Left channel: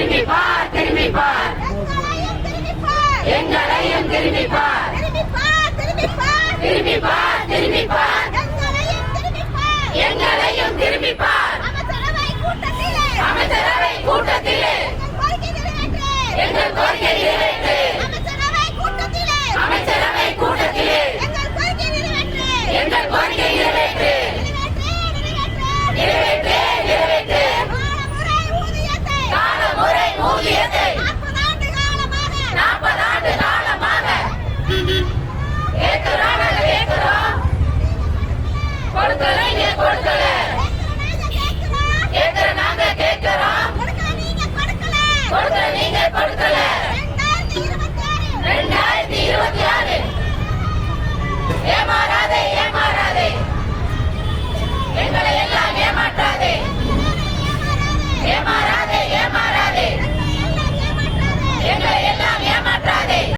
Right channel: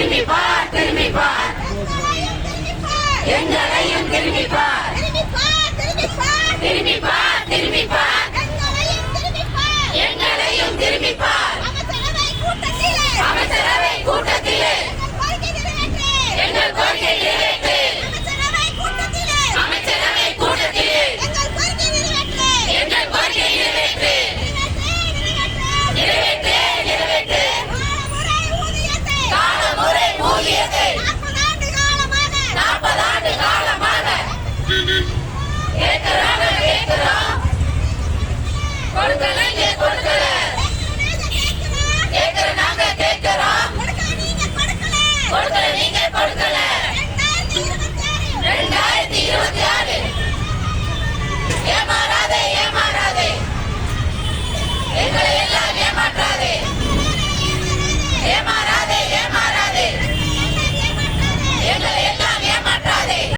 திரும்பி பார் திரும்பி பார் எங்களையும் திரும்பி பார் திரும்பி பார் திரும்பி பார் எங்களையும் திரும்பி பார் அமைச்சரவை கூட்டத்திலே எங்கள் கோரிக்கை நிறைவேற்று அமைச்சரவை கூட்டத்திலே எங்கள் கோரிக்கை நிறைவேற்று நிறைவேற்று நிறைவேற்று காலமுறை ஊதியத்தை 40 ஆண்டு காலமாக கேட்கிறோம் கேட்கிறோம் கொடுக்கல கொடுக்கல கேட்கிற நாங்க கேட்கிறோம் கொடுக்கல நீங்க கொடுக்கல 2026 ஏமாற